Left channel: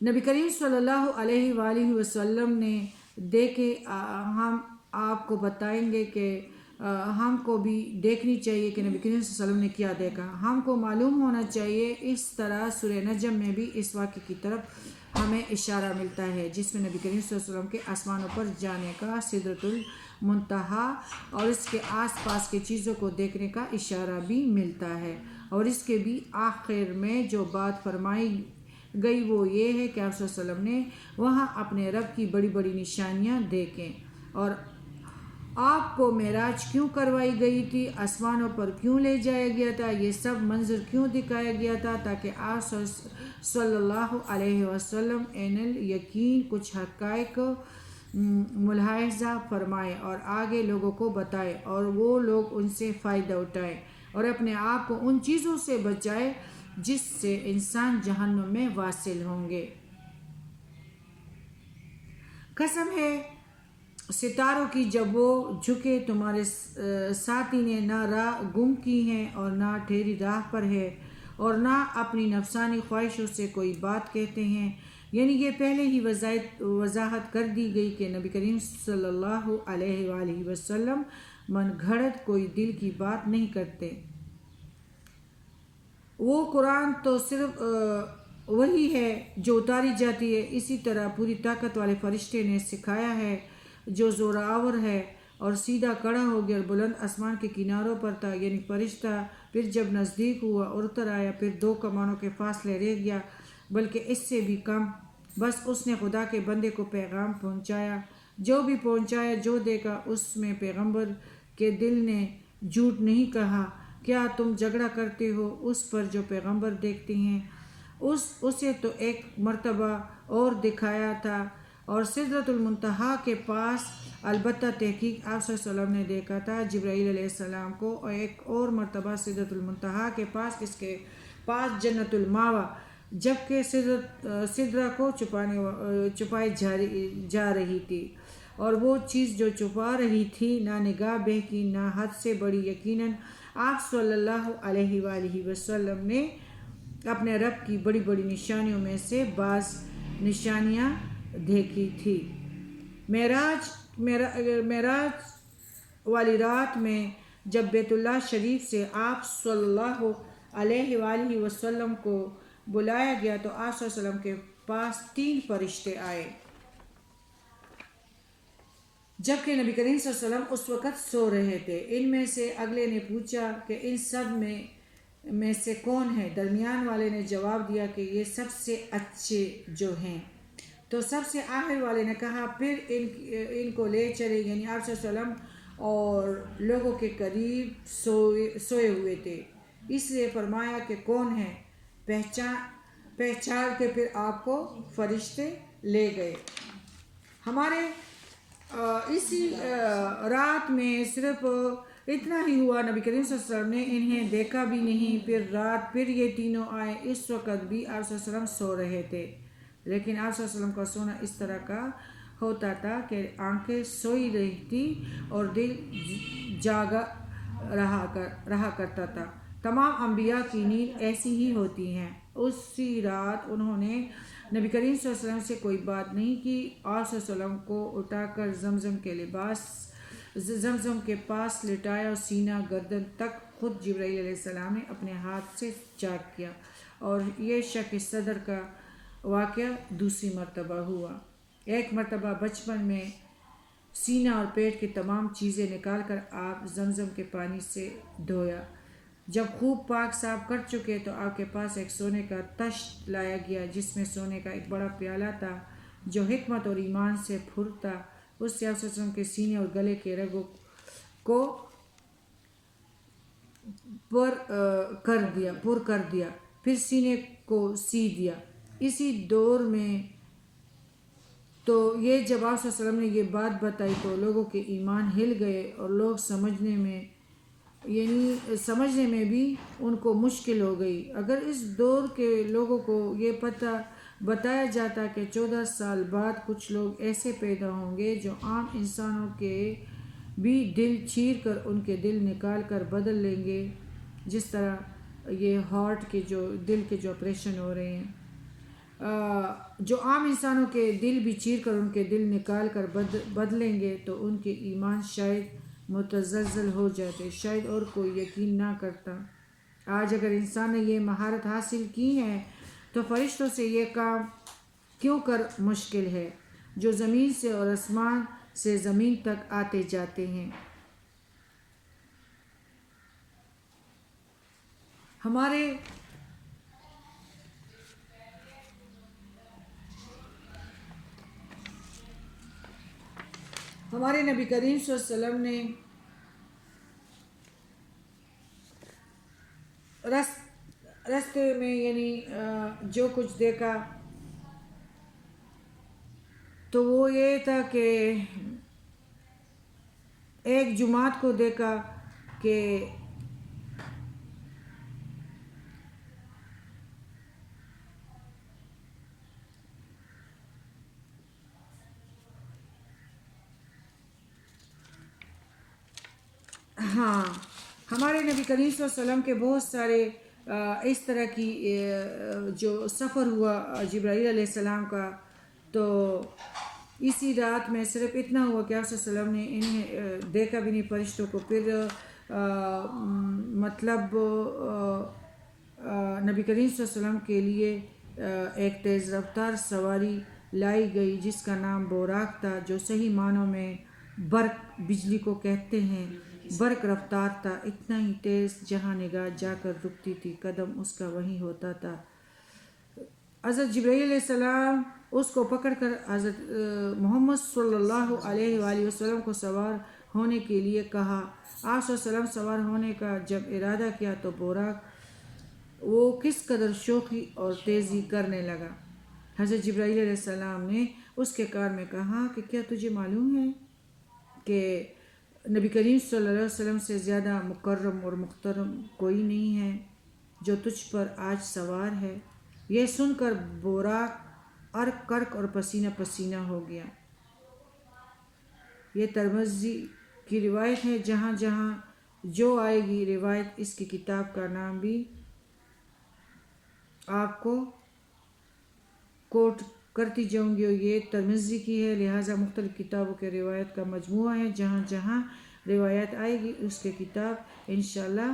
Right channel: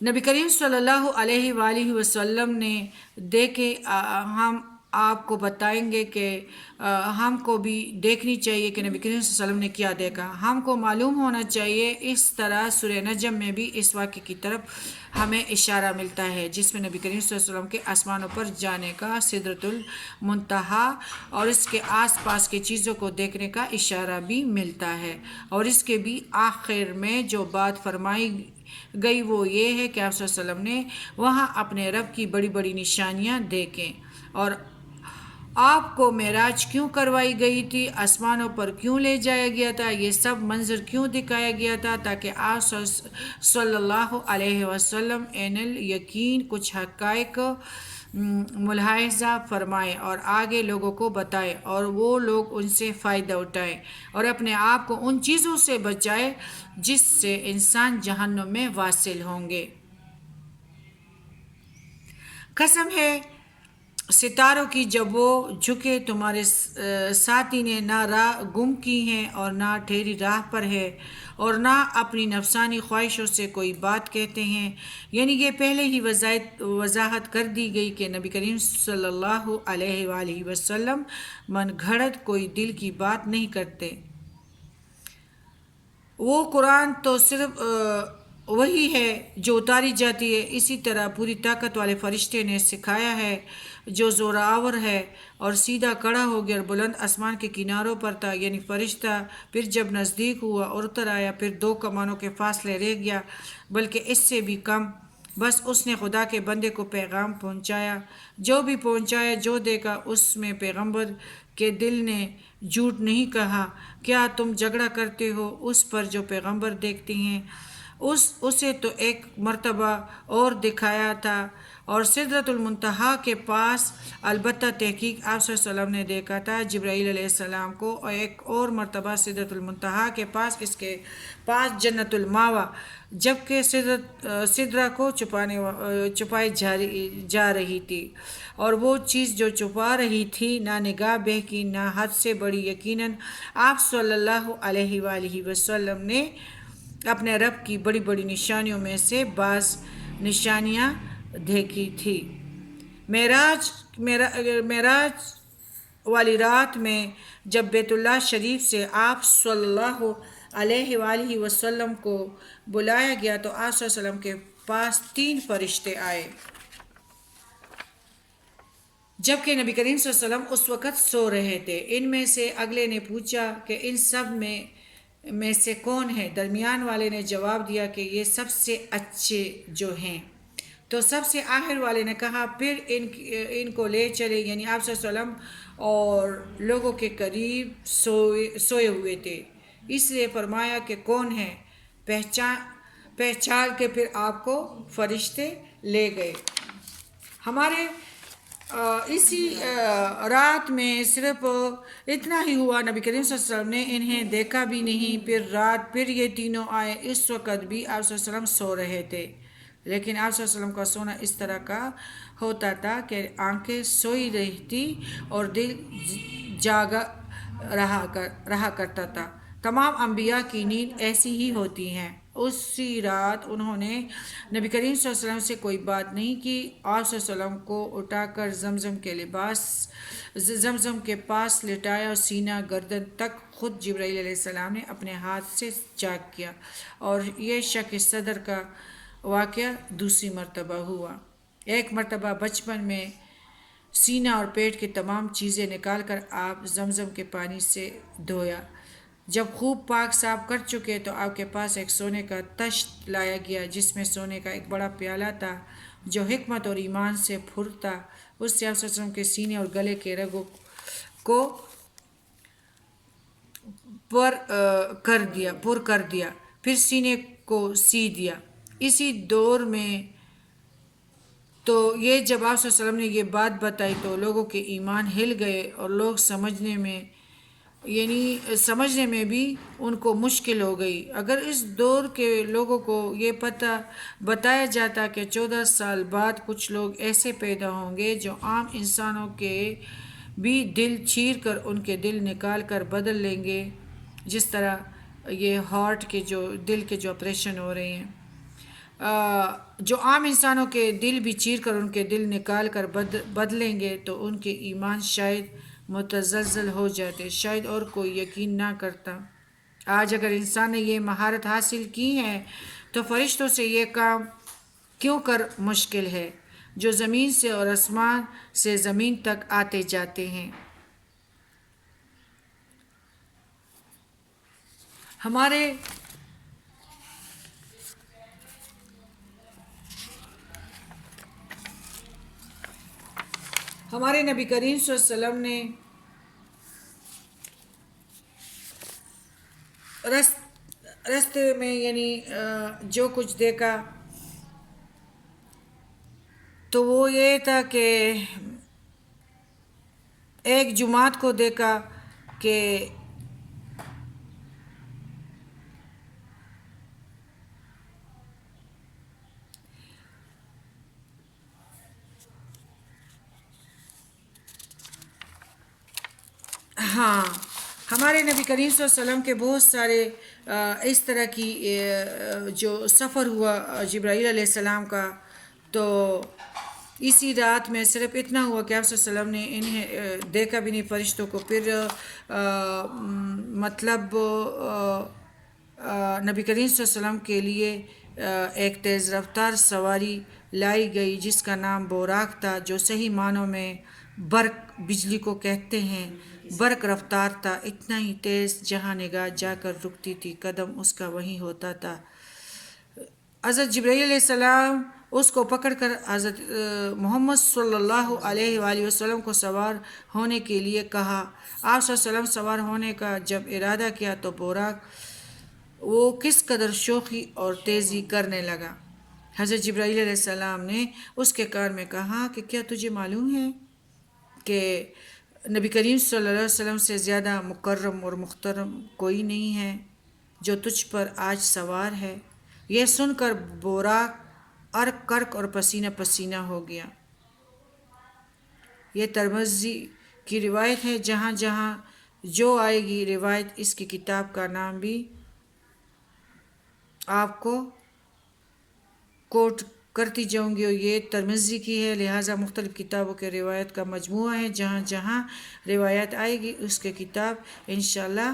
نبی کریم صلی اللہ علیہ وآلہ وسلم نے دیکھے، ہم آپ کو بتائیں گے کہ ہم کو بھی دیکھنی چاہیے کہ نبی کریم صلی اللہ علیہ وسلم نے کیا دیکھا، ہم کو معلوم ہونا چاہیے۔ اس طرح سورہ نجم میں بھی اس واقعے کی طرف ہمیں اشارہ ملتا ہے جس میں نبی کریم صلی اللہ علیہ وسلم کے آسمانوں پر جانے کا، سدرۃ المنتہا اور اس کے آس پاس کی چیزوں کو دیکھنے کا اشارہ بھی ملتا ہے۔ اور اس کے بھی آخر میں جو بات فرمائی گئی وہ یہ ہے کہ آپ صلی اللہ علیہ وسلم نے وہاں اپنے رب کی بڑی بڑی نشانیاں دیکھیں، اور آپ کو معراج کیوں کروائی گئی تھی، آسمانوں پر کیوں لے جایا گیا تھا، یہ سب منظر کیوں دکھایا گیا تھا، تاکہ آپ صلی اللہ علیہ وسلم عین الیقین کچھ حقائق ملاحظہ فرمائیں اور آگے لوگوں کو بتائیں، اور وہ لوگ ان سے فائدہ اٹھائیں اور اپنے آپ کو ان چیزوں سے بچائیں جس سے انسان جہنم میں واصل ہوں گے۔ قسم ہے ستاروں کی جب وہ جھکے، تمہارے ساتھی نے نہ راہ گم کی ہے اور نہ ٹھہری راہ پر ہے اور نہ اپنی نفسانی خواہشوں سے کوئی بات کہتے ہیں، یعنی یہ پہلے ہی وضاحت کر دی گئی کہ نبی کریم صلی اللہ علیہ وآلہ وسلم من گھڑت کوئی دل کی بات نہیں کرتے۔ وہ قرآن تو صرف وہی ہے جو اتاری جاتی ہے، اسی طرح پوری طاقت والے فرشتے نے سکھایا ہے جو زوراور ہے اور سیدھا کھڑا ہو گیا اور بلند آسمان کے کناروں پر تھا، یعنی فرشتہ پھر جب نزدیک ہوا اور اتر آیا پھر 2 کمانوں کے فاصلے رہ گیا، بلکہ اس سے بھی کم، بس اس نے خدا کے بندے کو پیغام پہنچایا، جو بھی پہنچایا، جو دیکھا اس میں پیغمبر کے دل نے جھوٹ نہیں کہا۔ کیا تم جھگڑا کرتے ہو اس پر جو پیغمبر دیکھتے ہیں؟ اسے تو ایک مرتبہ اور دکھایا تھا اور سدرۃ المنتہا کے پاس، البتہ تحقیق آپ صلی اللہ علیہ وسلم نے دیکھا تھا جبرائیل علیہ السلام کو، اور ایک اور مرتبہ سدرۃ المنتہا کے پاس، اس کے پاس جنت الماوا، جبکہ سدرہ کو چھپائی جا رہی تھی، اور وہ چیز جو چھپا رہی تھی نہ نگاہ بہ کی نہ حد سے بڑی، یقیناً آپ صلی اللہ علیہ وآلہ وسلم نے اپنے رب کی بڑی بڑی نشانیوں میں سے بعض نشانیاں دیکھی تھی۔ معراج والی رات میں جب بیت اللہ شریف سے آپ صلی اللہ علیہ وآلہ وسلم کو بلایا گیا تو آپ صلی اللہ علیہ وسلم کے پاس 3 فرشتے آئے، جبکہ نبی کریم صلی اللہ علیہ وسلم اس وقت سو رہے تھے۔ ان میں سے اگلے نے پوچھا کہ ان سب میں سے کون ہے؟ درمیان والے نے جواب دیا کہ یہ سب سے اچھے جو ہیں۔ تو سب سے آخر والے نے کہا پھر ان کو لے چلے، یعنی آپ صلی اللہ علیہ وسلم اور لوگوں کے قریب سوئے ہوئے تھے، اس لیے فرمایا کہ کون ہے؟ پہچان کے پھر آپ کو فرشتے لے گئے۔ ہمارے اسی رات میں صرف اتنا ہی ہوا، نبی کریم صلی اللہ علیہ وسلم نے انہیں دیکھا بھی نہیں۔ پھر یہ تینوں آئے، اس وقت بھی آپ صلی اللہ علیہ وسلم سو رہے تھے، لیکن آپ صلی اللہ علیہ وسلم کا سونا اس طرح کا ہوتا تھا کہ آنکھیں سوئی رہتی اور دل جاگا رہا کرتا تھا۔ تمام انبیاء کی نیند ایسی ہی ہوتی ہیں۔ اسی رات انہوں نے نبی کریم صلی اللہ علیہ وسلم سے کوئی بات نہیں کی۔ آپ صلی اللہ علیہ وسلم کو اٹھا کر زمزم کے پاس لٹایا اور سینہ گردن تک خود جبرائیل علیہ السلام نے اپنے ہاتھ سے چاک کیا، اور یہ شق صدر کا واقعہ دوسری مرتبہ ہوا۔ ایک مرتبہ بچپن میں سینہ اور پیٹ کی تمام چیزیں نکال کر آپ زمزم کے پانی سے دھویا۔ جب خوب پاک صاف کر چکے تو آپ کے پاس ایک سونے کا تشت لایا گیا جس میں سونے کا ایک بڑا پیالہ تھا جو حکمت اور ایمان سے پُر تھا۔ اس سے آپ صلی اللہ علیہ وسلم کے سینے اور گلے کے رگوں کو پر کر دیا، پھر سینے کو سی دیا۔ اسی دور میں تو یہ جب آپ صلی اللہ علیہ وسلم نے یہ بات بتائی تو لوگوں کے ایمان ہل گئے اور لوگ سمجھنے میں بھی ان کو مشکل ہو گئی۔ اگر اس دور کے لوگوں کو یہ پتہ بتایا جاتا کہ 14 سال بعد کچھ لوگ ایسے پیدا ہوں گے جو عام انسانوں کے بھی دل چیر کر ان کے دل نکال کر بدل لیں گے، جس طرح یہ ہارٹ کے جو دل کے جو آپریشن ہو رہے ہیں، جو عام انسانوں کے دل بھی چیر کر ان کے دل نکال کر بدلیں گے تو ان کے ایمان شاید متزلزل ہو جاتے، شاید اور کوئی یقین نہ کرتا۔ آج اگر انسان نے یہ مہارت حاصل کی ہے تو فرشتوں سے یہ کام کیوں کر مشکل ہے جو زمین سے اور آسمان سے زمین تک آتے جاتے ہیں۔ ہمارے نبی کریم صلی اللہ علیہ وسلم نے رستے میں یعنی جو کچھ دیکھا تو وہ یہ تھا کہ ایک جماعت کو دیکھا کہ ہاں ہمارے نبی کریم صلی اللہ علیہ وسلم کے بہت سارے اس طرح کی جو سفر ہوا جبرائیل علیہ السلام کا، تو اسی رات میں صرف اتنا ہوا کہ آپ صلی اللہ علیہ وسلم نے انہیں دیکھا بھی نہیں فرشتوں کو۔ پھر مطلب نبی کریم صلی اللہ علیہ وسلم کے لیے ایک تیز رفتار سواری لائی گئی جس کا نام بوراق تھا، جو صحیح معنوں میں برق بجلی کو کہتے ہیں۔ برق رفتار تھا، اتنا ہی تیز جہاں نگاہ جا کر رکتی تھی قدم اس کا وہیں ہوتا تھا۔ حضرت جبرائیل علیہ السلام اس کو پکڑ کر حضرت محمد صلی اللہ علیہ وآلہ وسلم کو سوار ہونے کے لیے کہا۔ آپ صلی اللہ علیہ وسلم سوار ہونے کا جب ارادہ کیا تو بوراق وہ کس قدر شوخی اور تیزی کرنے لگا۔ حضرت جبرائیل علیہ السلام نے اس کے کان میں کہا کہ کیا تجھے معلوم ہے کہ نبی کریم صلی اللہ علیہ وسلم سے زیادہ مکرم اور محترم کوئی نہیں ہے جو تجھ پر آج سوار ہے۔ یہ سن کر بوراق عرق کرک اور پسینہ پسینہ ہو گیا۔ یہ ترمذی کی روایت ہے، جہاں جہاں جو آئے گی روایت اس کی کتاب کا نام بھی آپ کو کوٹ کرتی جاؤں گی، اور یہ ترمذی کی ہے، لہٰذا مختلف کتابوں کے روایت کا مجموعہ ہے۔ جہاں جہاں روایت آئے گی اس کے کتاب انشاءاللہ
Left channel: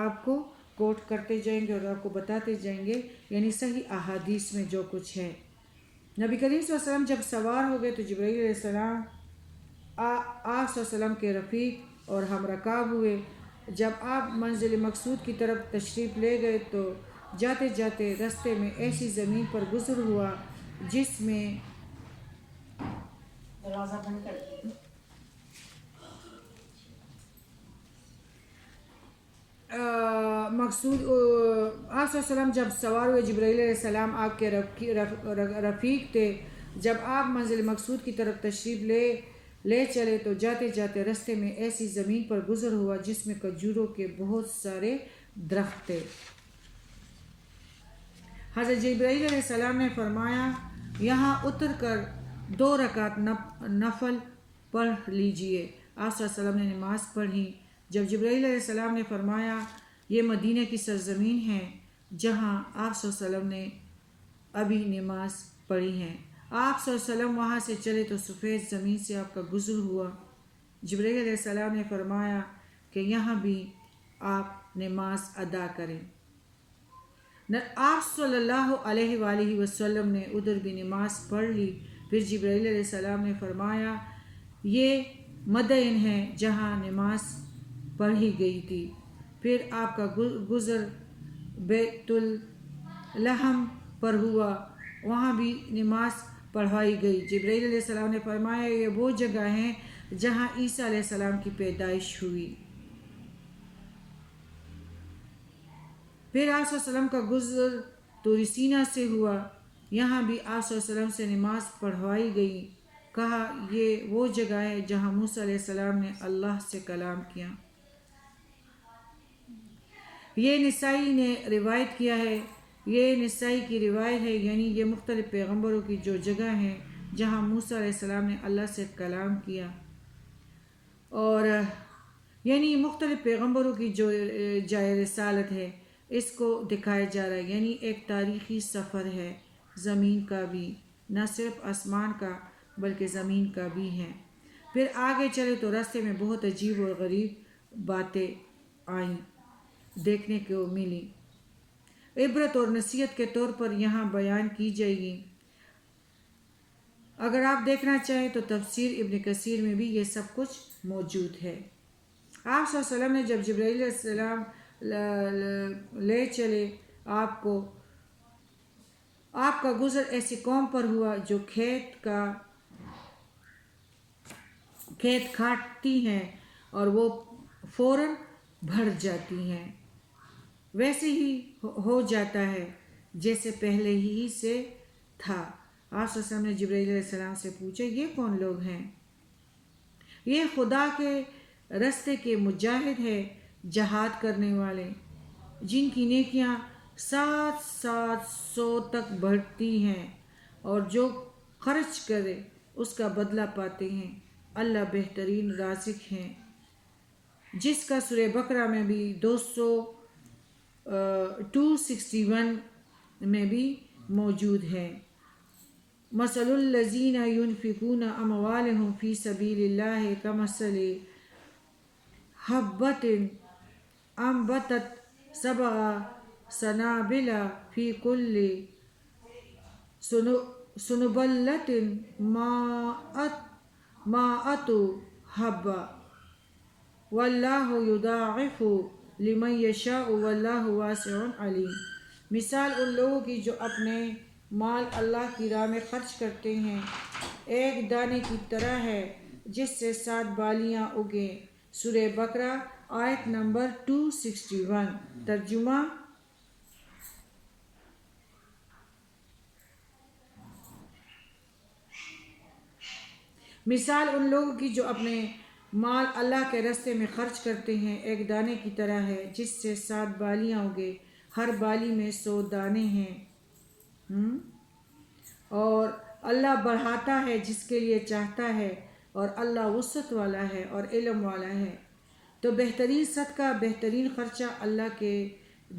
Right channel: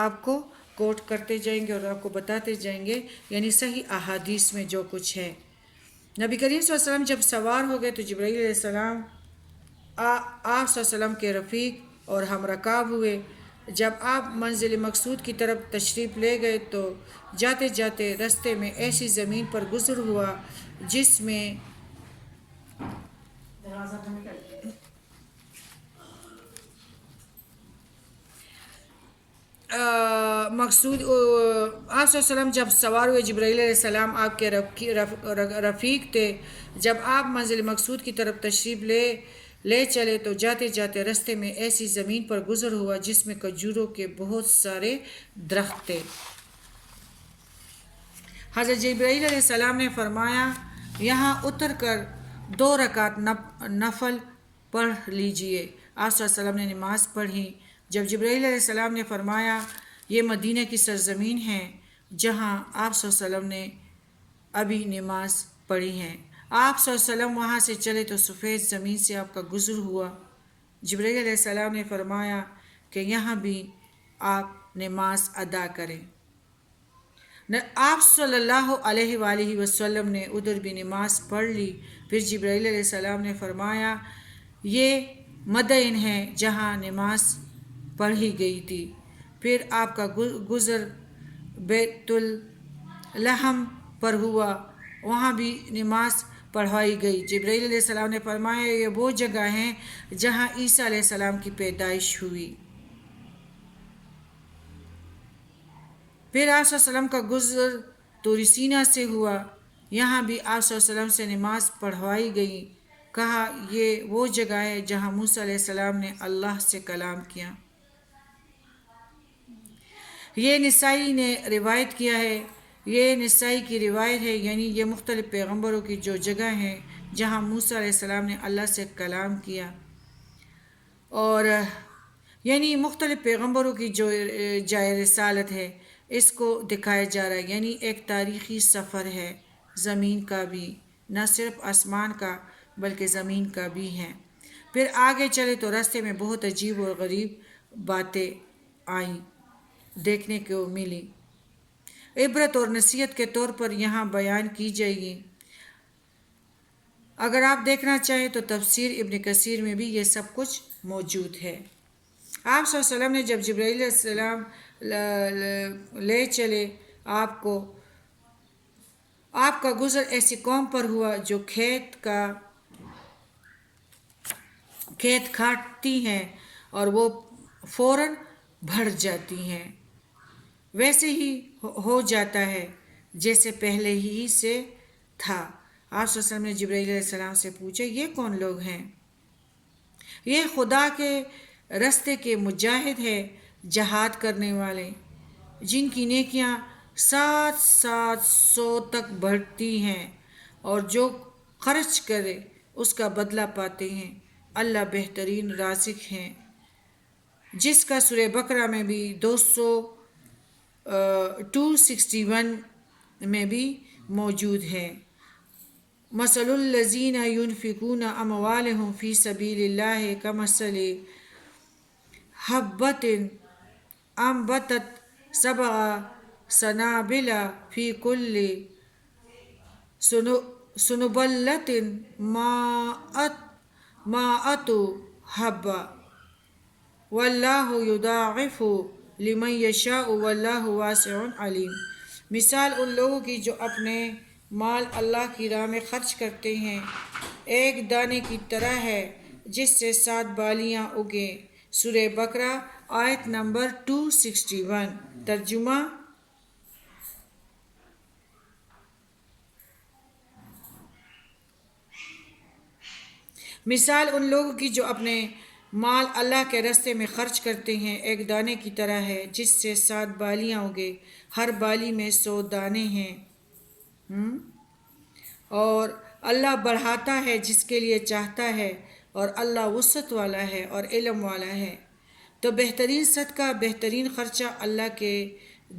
آپ کو کوٹ کرتے جائیں گے اور آپ کو بتاتے جائیں گے، یعنی صحیح احادیث میں جو کچھ ہے۔ نبی کریم صلی اللہ علیہ وسلم جب سوار ہو گئے تو جبرائیل علیہ السلام آپ صلی اللہ علیہ وسلم کے رفیق اور ہم رکاب ہوئے۔ جب آپ منزل مقصود کی طرف تشریف لے گئے تو جاتے جاتے رستے میں ایسی زمین پر گزر ہوا جس میں مقصود آپ صلی اللہ علیہ وسلم جب سوار ہوئے، جبرائیل علیہ السلام آپ کے رفیق تھے۔ جب آپ منزل مقصود کی طرف تشریف لے چلے تو جاتے جاتے رستے میں ایسی زمین پر گزر ہوا جس میں کھجوروں کے بہت سارے درخت تھے۔ حضرت جبرائیل علیہ السلام نے فرمایا یہاں اتر کر 2 رکعت نفل پڑھ لیجئے۔ آپ صلی اللہ علیہ وسلم نے نماز پڑھی۔ جب جبرائیل علیہ السلام نے فرمایا یہ مدینہ کی سرزمین ہے جہاں آپ صلی اللہ علیہ وسلم نے ابھی نماز پڑھی ہے، آپ صلی اللہ علیہ وسلم وہاں سے چلے تو سفید زمین سے آپ کا گزر ہوا۔ جبرائیل علیہ السلام نے فرمایا کہ یہاں بھی آپ نماز ادا کریں۔ آپ صلی اللہ علیہ وآلہ وسلم نے ادھر بھی نماز پڑھ لی۔ پھر جبرائیل علیہ السلام نے فرمایا یہ مدین ہے جہاں نماز پڑھی گئی تھی۔ پھر آپ کا گزر بیت الحم پر ہوا، وہاں بھی نماز پڑھوائی گئی۔ جبرائیل علیہ السلام نے فرمایا یہ وہ جگہ ہیں جہاں عیسیٰ علیہ السلام کی پیدائش ہوئی۔ پھر آپ صلی اللہ علیہ وسلم کا گزر طور سینا سے ہوا، یہاں بھی آپ صلی اللہ علیہ وسلم سے نماز پڑھوائی گئی۔ کہا یہ وہ جگہ ہے جہاں موسیٰ علیہ السلام نے اللہ سے کلام کیا۔ یہ نسائی نے روایت کیا ہے، یہ نسائی کی روایت ہے، یعنی یہ مختلف پیغمبروں کی جو جگہ ہیں جہاں موسیٰ علیہ السلام نے اللہ سے کلام کیا، اور یعنی مختلف پیغمبروں کی جو جائے رسالت ہے اس کو دکھایا جا رہا ہے، یعنی ایک تاریخی سفر ہے زمین کا بھی، نہ صرف آسمان کا بلکہ زمین کا بھی ہے۔ پھر آگے چلے تو راستے میں بہت عجیب اور غریب باتیں آئیں، دیکھنے کو ملی، عبرت اور نصیحت کے طور پر یہاں بیان کی جائے گی۔ اگر آپ دیکھنا چاہیں تو تفسیر ابن کثیر میں بھی یہ سب کچھ موجود ہے۔ آپ صلی اللہ علیہ وسلم نے جب جبرائیل علیہ السلام لے چلے آپ کو، آپ کا گزر ایسی قوم پر ہوا جو کھیت کاٹتی ہیں اور وہ فوراً بڑھ جاتی ہیں، ویسے ہی ہو جاتا ہے جیسے پہلے ہی سے تھا۔ آپ صلی اللہ علیہ وسلم نے جبرائیل علیہ السلام سے پوچھا، یہ کون لوگ ہیں؟ یہ خدا کے راستے کے مجاہد ہیں، جہاد کرنے والے، جن کی نیکیاں 700 تک بڑھتی ہیں، اور جو خرچ کرے اس کا بدلہ پاتے ہیں۔ اللہ بہترین رازق ہیں، جس کا سورہ بقرہ میں بھی 261 میں بھی موجود ہے۔ مثل الذین ينفقون اموالهم فی سبیل اللہ کمثل حبۃ انبتت سبع سنابل فی کل سنبلۃ مائۃ حبۃ واللہ یضاعف لمن یشاء واللہ واسع علیم۔ مثال ان لوگوں کی جو اپنے مال اللہ کی راہ میں خرچ کرتے ہیں ایک دانے کی طرح ہے جس سے 7 بالیاں اگیں۔ سورہ بقرہ آیت نمبر 261۔ ترجمہ: مثال ان لوگوں کی جو اپنے مال اللہ کے راستے میں خرچ کرتے ہیں ایک دانے کی طرح ہے جس سے 7 بالیاں اگے، ہر بالی میں 100 دانے ہیں، اور اللہ بڑھاتا ہے جس کے لیے چاہتا ہے، اور اللہ وسعت والا ہے اور علم والا ہے۔ تو بہترین صدقہ، بہترین خرچہ اللہ کے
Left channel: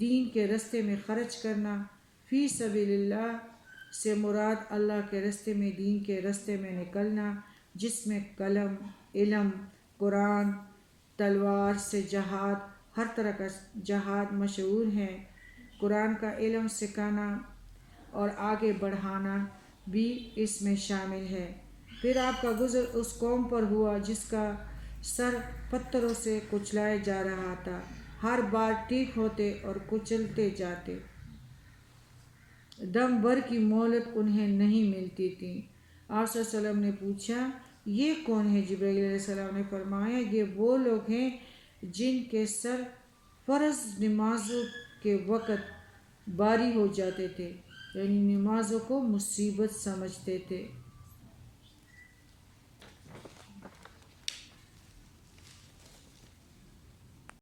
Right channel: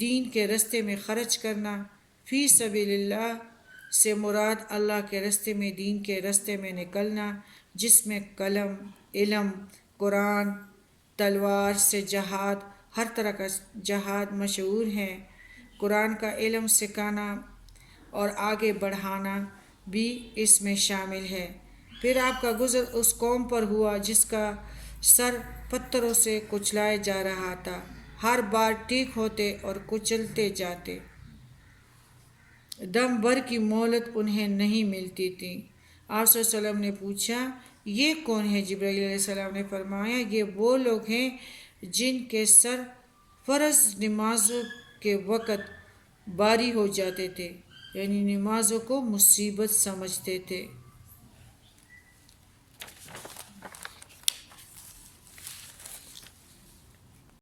دین کے راستے میں خرچ کرنا۔ فی سبیل اللہ سے مراد اللہ کے راستے میں، دین کے راستے میں نکلنا، جس میں قلم، علم، قرآن، تلوار سے جہاد، ہر طرح کا جہاد مشہور ہے۔ قرآن کا علم سکھانا اور آگے بڑھانا بھی اس میں شامل ہے۔ پھر آپ کا گزر اس قوم پر ہوا جس کا سر پتھروں سے کچلایا جا رہا تھا، ہر بار ٹھیک ہوتے اور کچلتے جاتے، دم بھر کی مہلت انہیں نہیں ملتی تھی۔ آپ صلی اللہ علیہ وسلم نے پوچھا، یہ کون ہے؟ جبرائیل علیہ السلام نے فرمایا، یہ وہ لوگ ہیں جن کے سر فرض نمازوں کے وقت باری ہو جاتے تھے، یعنی نمازوں کو مصیبت سمجھتے تھے۔